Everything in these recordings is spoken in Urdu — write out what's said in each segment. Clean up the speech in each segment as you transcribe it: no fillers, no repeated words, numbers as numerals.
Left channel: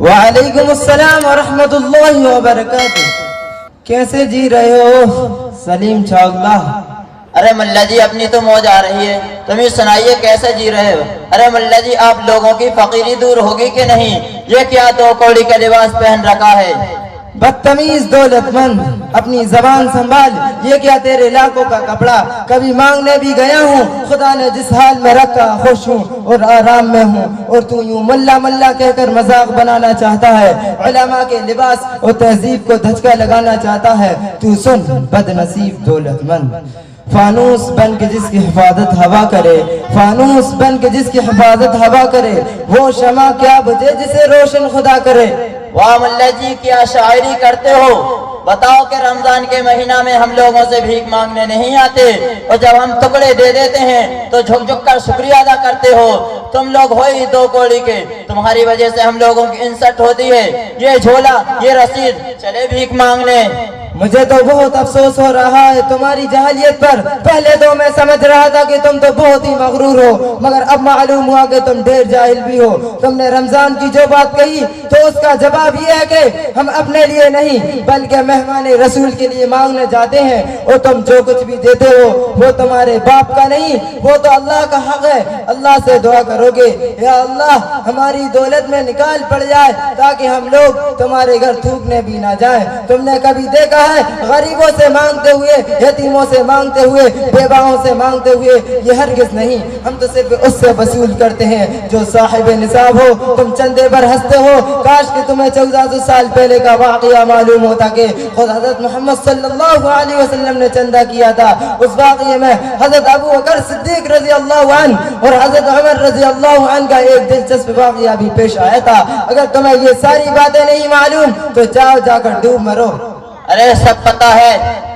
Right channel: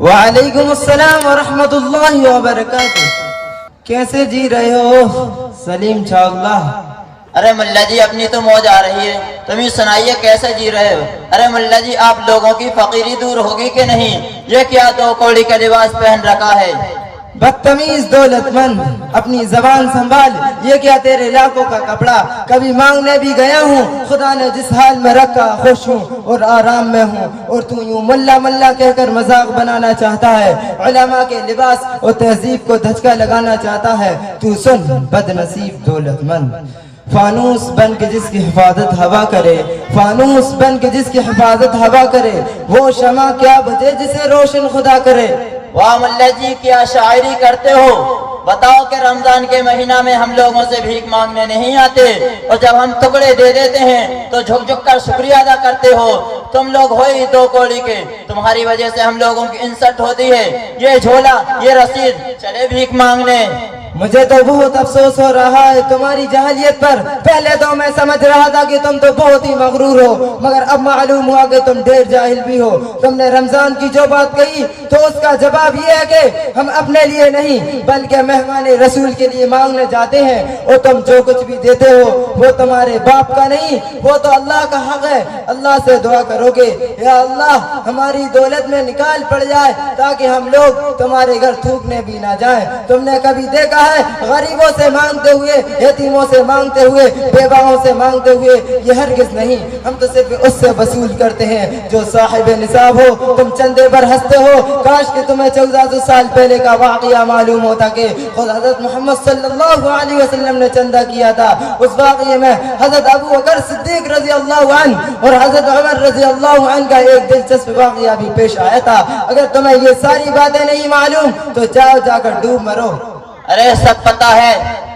وعلیکم السلام ورحمۃ اللہ وبرکاتہ. کیسے جی رہے ہو سلیم چھاگلا؟ ارے ملا جی اپنی تو موج آ رہی ہے، تم یہ سنائیے کیسے جی رہے ہو؟ ارے ملا جی آپ لوگوں کی فقیری دور ہوگی کہ نہیں؟ یہ کیا دو کوڑی کا لباس پہن رکھا ہے؟ بدتمیز دولت مند، اپنی زبان سنبھال. یہ کیا تیرے لاکھوں کا کپڑا؟ کبھی مانگنے بھی گیا ہوں، خدا نے جس حال میں رکھا خوش ہوں اور آرام میں ہوں، اور تو یوں ملا ملا کہہ کر مذاق بنانا چاہتا ہے، علماء کے لباس اور تہذیب کو دھچکا لگانا چاہتا ہے. تو سن بد نصیب دولت مند، فانوس بن کے جس کی حفاظت ہوا کرے، فانوس بن کے جس کی حفاظت ہوا کرے، وہ شمع کیا بجے جسے روشن خدا کرے. واہ ملا جی کیا شاعری کرتے ہو. بتاؤ کہ رمضان کے مہینہ میں ہم لوگوں سے بھیک مانگنے نہیں آتے، اور جب ہم ٹکڑے دے دیتے ہیں تو جھک جھک کر شکریہ ادا کرتے ہو. تم لوگ ہو ہی دو کوڑی کے، تمہاری وجہ سے ہم لوگوں کی انسلٹ ہوتی ہے. یہ جھولا، یہ رسید، چلے بھیک مانگنے. مجھے تو بہت افسوس ہو رہا ہے تمہاری جہلیت پر. پہلے تو میں سمجھ رہا تھا کہ تم تو بہت ہی مغرور ہو، مگر اب معلوم ہوا کہ تم ڈھیر جاہل بھی ہو. تم نے رمضان کی جو بات کہی تو اس کا جواب یہ ہے کہ ہم اپنے لیے نہیں بلکہ مہمان رسول کے لیے مانگنے جاتے ہیں، اور تم جو کچھ بھی دیتے ہو وہ تمہارے باپ کا نہیں، وہ تو اللہ کا حق ہے. اللہ سے دعا کرو گے یا اللہ ہماری دولت میں نکال پڑ جائے تاکہ ہم لوگ تمہارے گھر تھوکنے بھی نہ جائیں. تم نے کبھی دیکھا ہے غریبوں سے مانگتے ہوئے، یتیموں سے مانگتے ہوئے، بیواؤں سے مانگتے ہوئے؟ یہ ہرگز نہیں. ہم تو صرف اس سے وصول کرتے ہیں جو صاحب نصاب ہو. تم چندے پر ہنستے ہو، کاش کہ تمہیں 1400 سال پہلے کا واقعہ معلوم ہوتا کہ خود حضرت محمد صلی اللہ علیہ وسلم نے چندہ کیا تھا. اس واقعے میں حضرت ابو بکر صدیق رضی اللہ عنہ اور حضرت عمر رضی اللہ عنہ کا ایک دلچسپ واقعہ بھی پیش آیا تھا. اگر تمہیں یہ ساری باتیں نہیں معلوم تو جاؤ جا کر ڈوب مرو. ارے سب پتا ہے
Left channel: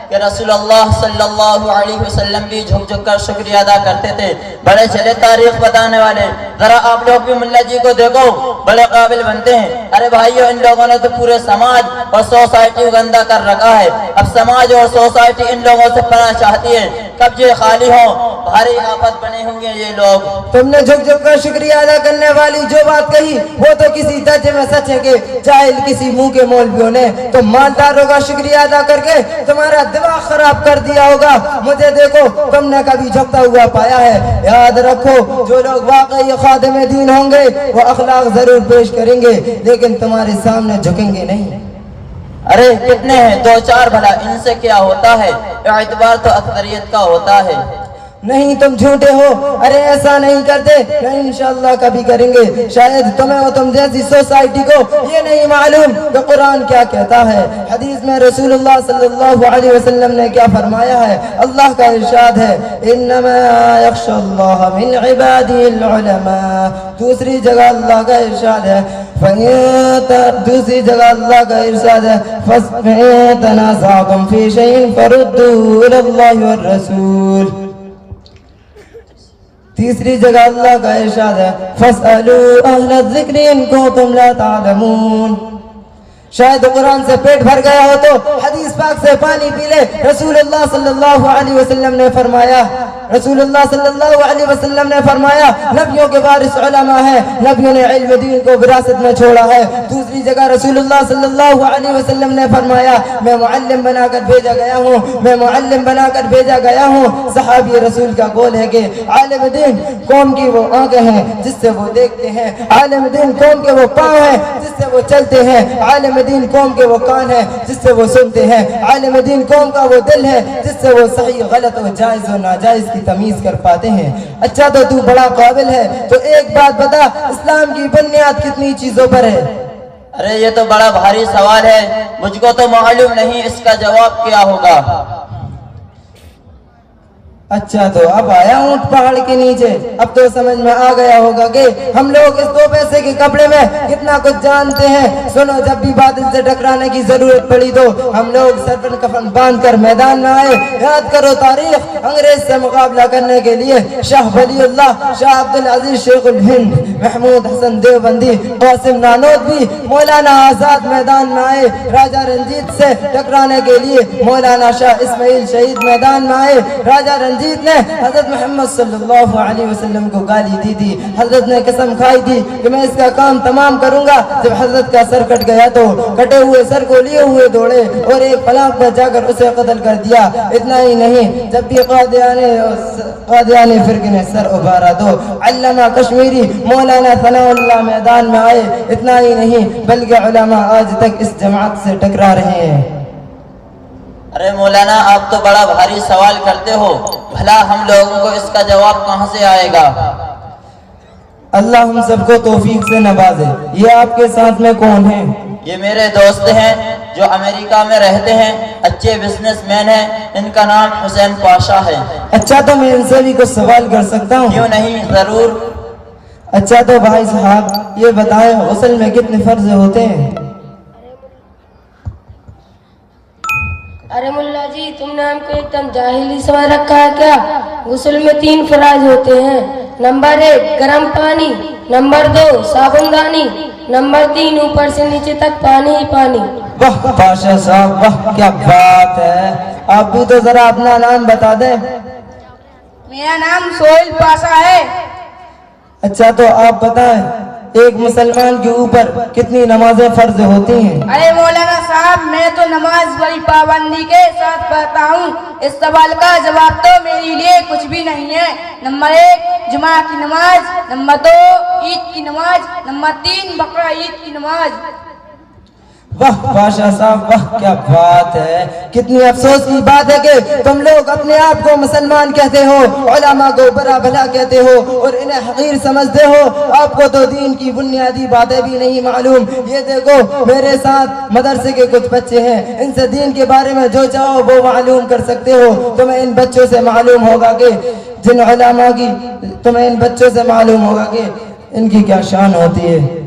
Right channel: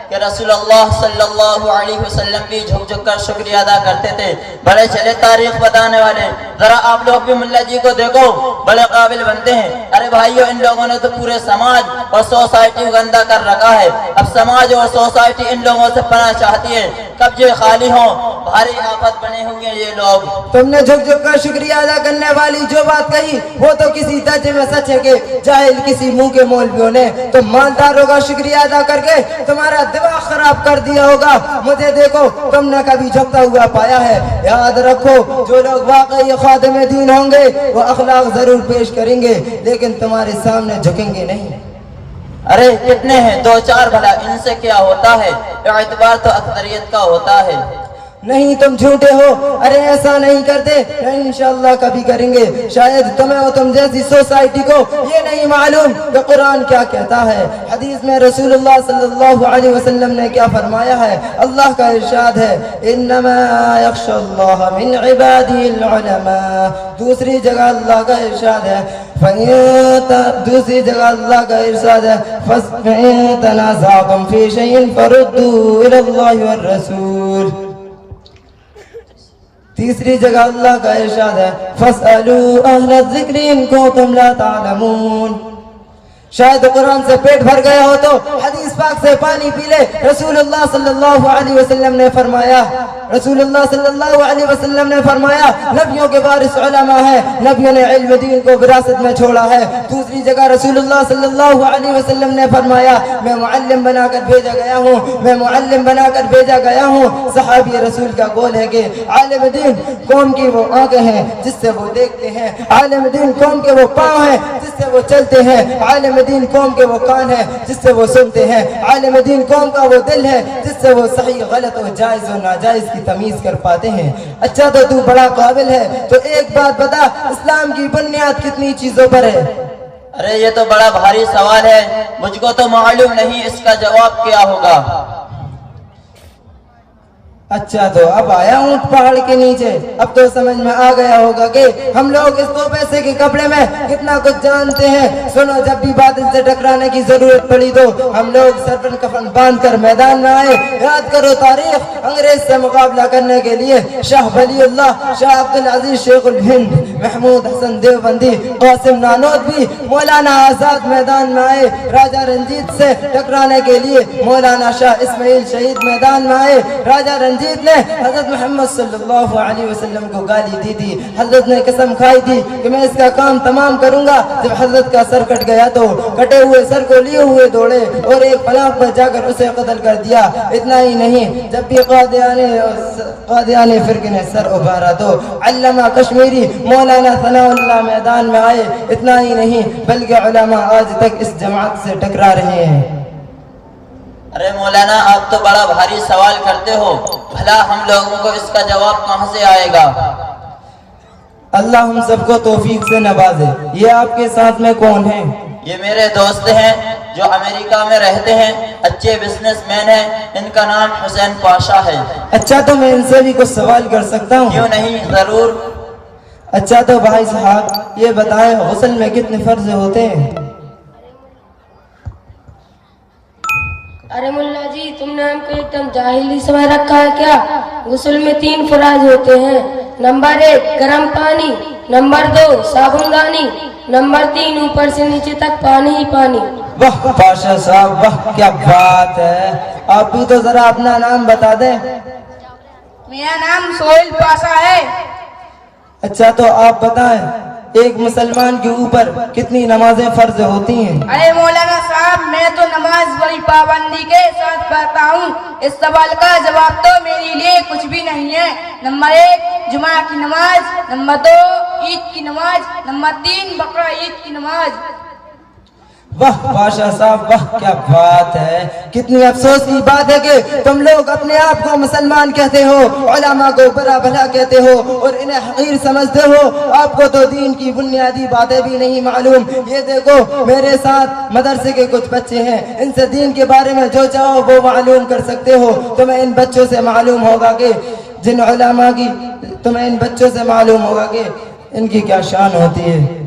کہ رسول اللہ صلی اللہ علیہ وسلم بھی جھک جھک کر شکریہ ادا کرتے تھے. بڑے چلے تاریخ بتانے والے، ذرا آپ لوگ بھی ملا جی کو دیکھو، بڑے قابل بنتے ہیں. ارے بھائیو ان لوگوں نے تو پورے سماج اور سوسائٹی گندا کر رکھا ہے. اب سماج اور سوسائٹی ان لوگوں سے پناہ چاہتی ہے. کب یہ خالی ہوں بھاری آفت بنے ہوں گے یہ لوگ. تم نے جھک جھک کر شکریہ ادا کرنے والی جو بات کہی وہ تو کسی درجے میں سچ ہے کہ جاہل کسی منہ کے مولویوں نے تم مالداروں کا شکریہ ادا کر کے تمہارا دماغ خراب کر دیا ہوگا. مجھے دیکھو تم نے کبھی جھکتا ہوا پایا ہے؟ یاد رکھو جو لوگ واقعی خادم دین ہوں گے وہ اخلاق ضرور پیش کریں گے لیکن تمہارے سامنے جھکیں گے نہیں. ارے کتنے ہیں دو چار، بھلا ان سے کیا ہوتا ہے؟ اعتبار تو اکثریت کا ہوتا ہے. نہیں تم جھوٹے ہو. ارے ایسا نہیں کرتے، نہیں انشاءاللہ کبھی کریں گے. شاید تمہیں اور تم جیسی سوسائٹی کو یہ نہیں معلوم کہ قرآن کیا کہتا ہے. حدیث میں رسول اللہ صلی اللہ علیہ وسلم نے کیا فرمایا ہے؟ اللہ کا ارشاد ہے انما یخشی اللہ من عباده العلماء. دوسری جگہ اللہ کا ارشاد ہے دوسری جگہ اللہ کا ارشاد ہے فَإِن تَنَازَعْتُمْ فِي شَيْءٍ فَرُدُّوهُ إِلَى اللَّهِ وَالرَّسُولِ. تیسری جگہ اللہ کا ارشاد ہے فَاسْأَلُوا أَهْلَ الذِّكْرِ إِن كُنتُمْ لَا تَعْلَمُونَ. شاید قرآن سے پیٹ بھر گیا ہو تو حدیث پاک سے پانی پی لے. رسول اللہ صلی اللہ علیہ وسلم نے فرمایا، رسول اللہ صلی اللہ علیہ وسلم نے فرمایا نبیوں کے وارث علماء ہیں، نبیوں نے علم دین کو وراثت میں چھوڑا ہے. دوسری جگہ رسول اللہ صلی اللہ علیہ وسلم نے فرمایا میں معلم بنا کر بھیجا گیا ہوں، میں معلم بنا کر بھیجا گیا ہوں. صحابی رسول کا قول ہے کہ عالم دین قوم کی وہ آنکھیں ہیں جس سے وہ دیکھتے ہیں، عالم دین قوم کے وہ پاؤں ہیں جس سے وہ چلتے ہیں، عالم دین قوم کے وہ کان ہیں جس سے وہ سنتے ہیں، عالم دین قوم کا وہ دل ہے جس سے وہ صحیح غلط و جائز و ناجائز کی تمیز کر پاتے ہیں. اچھا تو بڑا قابل ہے تو ایک بات بتا، اسلام کی بنیاد کتنی چیزوں پر ہے؟ ارے یہ تو بڑا بھاری سوال ہے، مجھ کو تو معلوم نہیں اس کا جواب کیا ہوگا. اچھا تو اب آیا ہوں پہاڑ کے نیچے، اب تو سمجھ میں آ گیا ہوگا کہ ہم لوگ اس 2 پیسے کے کپڑے میں کتنا کچھ جانتے ہیں. سنو جب بھی بادل سے ٹکرانے کی ضرورت پڑی تو ہم لوگ سر کفن باندھ کر میدان میں آئے. یاد کرو تاریخ، انگریز سے مقابلہ کرنے کے لیے شاہ ولی اللہ، شاہ عبد العزیز شیخ الہند، محمود حسن دیوبندی، قاسم نانوتوی، مولانا آزاد میدان میں آئے. راجہ رنجیت سے ٹکرانے کے لیے مولانا شاہ اسماعیل شہید میدان میں آئے. راجہ رنجیت نے حضرت محمد صلی اللہ علیہ وسلم کو گالی دی تھی. حضرت نے قسم کھائی تھی کہ میں اس کا کام تمام کروں گا. جب حضرت کا سر کٹ گیا تو کٹے ہوئے سر کو لیے ہوئے دوڑے اور ایک پلاٹ پر جا کر اسے قتل کر دیا. اتنا ہی نہیں, جب بھی قادیانی فرقے نے سر ابھارا تو علامہ کشمیری مولانا ثناء اللہ میدان میں آئے. اتنا ہی نہیں بلکہ علماء آج تک اس جماعت سے ٹکرا رہے ہیں. ارے مولانا, آپ تو بڑا بھاری سوال کرتے ہو, بھلا ہم لوگوں کو اس کا جواب کہاں سے آئے گا؟ اللہ ہم سب کو توفیق سے نوازے. یہ آپ کے ساتھ میں کون ہیں؟ یہ میرے دوست ہیں جو امریکہ میں رہتے ہیں, اچھے بزنس مین ہیں. ان کا نام حسین پاشا ہے. اچھا, تو میں ان سے بھی کچھ سوال کر سکتا ہوں؟ کیوں نہیں, ضرور. اچھا تو بھائی صاحب یہ بتائیں غسل میں کتنے فرض ہوتے ہیں؟ ارے ملا جی, تم نے ہم کو ایک دم جاہلی سمجھ رکھا ہے کیا؟ غسل میں 3 فرائض ہوتے ہیں. نمبر 1 گرم پانی, نمبر 2 صابن دانی, نمبر 3 اوپر سے نیچے تک پانی ہی پانی. واہ پاشا صاحب, واہ کیا بات ہے. آپ بھی تو ذرا اپنا نام بتا دیں. میرا نام سہیل پاشا ہے. اچھا تو آپ بتائیں ایک مسلمان کے اوپر کتنی نمازیں فرض ہوتی ہیں؟ ارے مولانا صاحب, میں تو نماز بڑی پابندی کے ساتھ پڑھتا ہوں. اس سوال کا جواب تو میرے لیے کچھ بھی نہیں ہے. نمبر 1 جمعہ کی نماز, نمبر 2 عید کی نماز, نمبر 3 بقرہ عید کی نماز. واہ پاشا صاحب, واہ کیا بات ہے. کتنی افسوس کی بات ہے کہ تم لوگ اپنے آپ کو مسلمان کہتے ہو, علماء کو برا بھلا کہتے ہو اور انہیں حقیر سمجھتے ہو. آپ کو تو دین کی بنیادی باتیں بھی نہیں معلوم. یہ دیکھو میرے ساتھ مدرسے کے کچھ بچے ہیں, ان سے دین کے بارے میں جو چاہو وہ معلوم کر سکتے ہو. تمہیں ان بچوں سے معلوم ہوگا کہ ان کی کیا شان ہوتی ہے.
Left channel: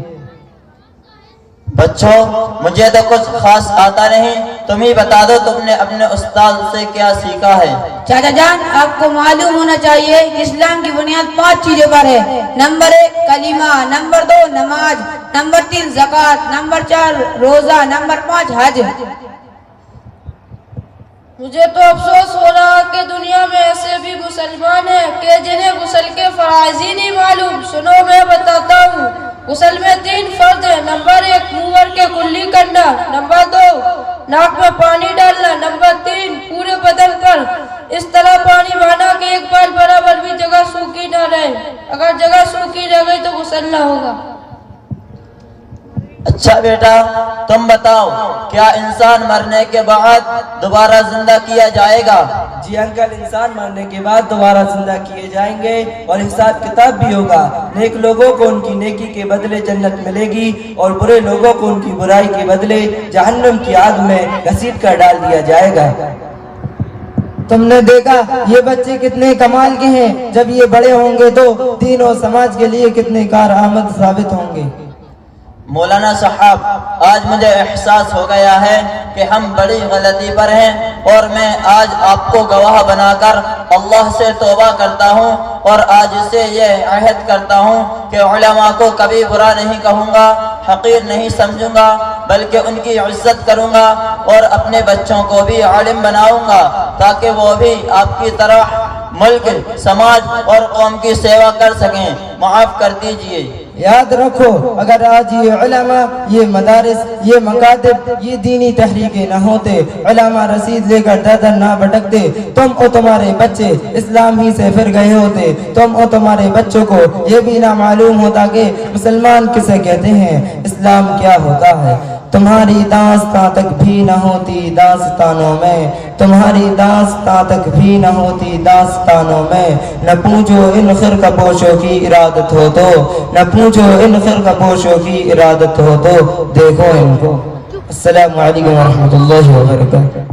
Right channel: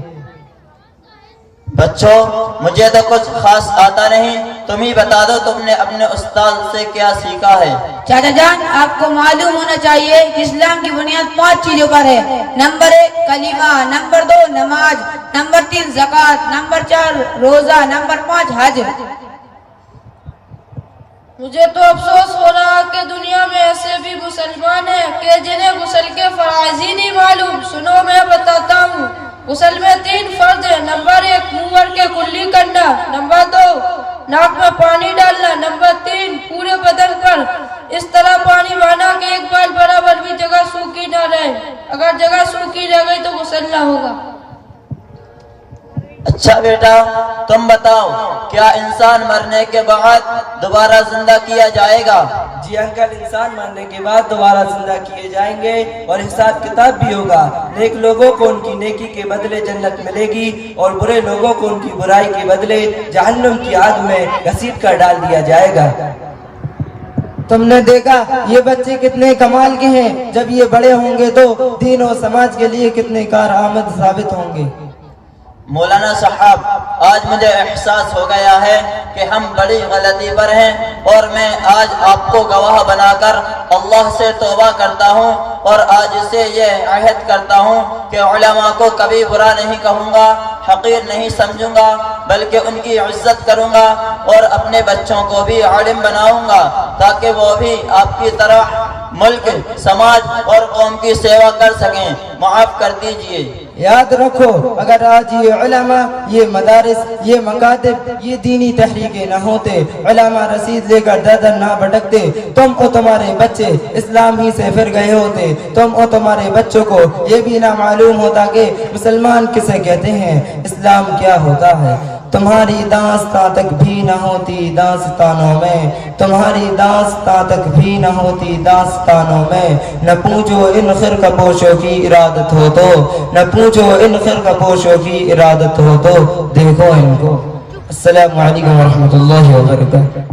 بچوں, مجھے تو کچھ خاص آتا نہیں, تم ہی بتا دو تم نے اپنے استاد سے کیا سیکھا ہے. چاچا جان, آپ کو معلوم ہونا چاہیے اسلام کی بنیاد 5 چیزوں پر ہے. نمبر 1 کلمہ, نمبر 2 نماز, نمبر 3 زکوٰۃ, نمبر 4 روزہ, نمبر 5 حج. مجھے تو افسوس ہو رہا کہ دنیا میں ایسے بھی مسلمان ہیں کہ جنہیں غسل کے فرائض ہی نہیں معلوم. سنو میں بتاتا ہوں. غسل میں 3 فرض ہیں. نمبر 1 منہ بھر کے کلی کرنا, نمبر 2 ناک میں پانی ڈالنا, نمبر 3 پورے بدن پر اس طرح پانی بہانا کہ ایک بال برابر بھی جگہ سوکھی نہ رہے. اگر جگہ سوکھی رہ گئی تو غسل نہ ہوگا. اچھا بیٹا, تم بتاؤ کیا انسان مرنے کے بعد دوبارہ زندہ کیا جائے گا؟ جی انکل, انسان مرنے کے بعد دوبارہ زندہ کیے جائیں گے اور حساب کتاب بھی ہوگا. نیک لوگوں کو ان کی نیکی کے بدلے جنت ملے گی اور برے لوگوں کو ان کی برائی کے بدلے جہنم کی آگ میں گھسیٹ کر ڈال دیا جائے گا. تم نے دیکھا یہ بچے کتنے کمال کے ہیں. جب یہ بڑے ہوں گے تو دین و سماج کے لیے کتنے کارآمد ثابت ہوں گے. مولانا صاحب, آج مجھے احساس ہو گیا ہے کہ ہم بڑی غلطی پر ہیں, اور میں آج آپ کو گواہ بنا کر اللہ سے توبہ کرتا ہوں اور آج سے یہ عہد کرتا ہوں کہ علماء کو کبھی برا نہیں کہوں گا, حقیر نہیں سمجھوں گا, بلکہ ان کی عزت کروں گا اور اپنے بچوں کو بھی عالم بناؤں گا تاکہ وہ بھی آپ کی طرح ملک, سماج اور قوم کی سیوا کر سکیں. معاف کر دیجئے. یاد رکھو, اگر آج یہ علماء, یہ مدارس, یہ مکاتب, یہ دینی تحریکیں نہ ہوتے, علماء رسید لے کر دادر نہ بھٹکتے, تم اور تمہارے بچے اسلام ہی سے پھر گئے ہوتے. تم اور تمہارے بچوں کو یہ بھی نہ معلوم ہوتا کہ مسلمان کسے کہتے ہیں, اسلام کیا ہوتا ہے. تمہاری داستان تک بھی نہ ہوتی داستانوں میں, تمہاری داستان تک بھی نہ ہوتی داستانوں میں. نہ پوچھو ان خرقہ پوشوں کی ارادت ہو تو, نہ پوچھو ان خرقہ پوشوں کی ارادت ہو تو دیکھو ان کو. السلام علیکم ورحمۃ اللہ وبرکاتہ.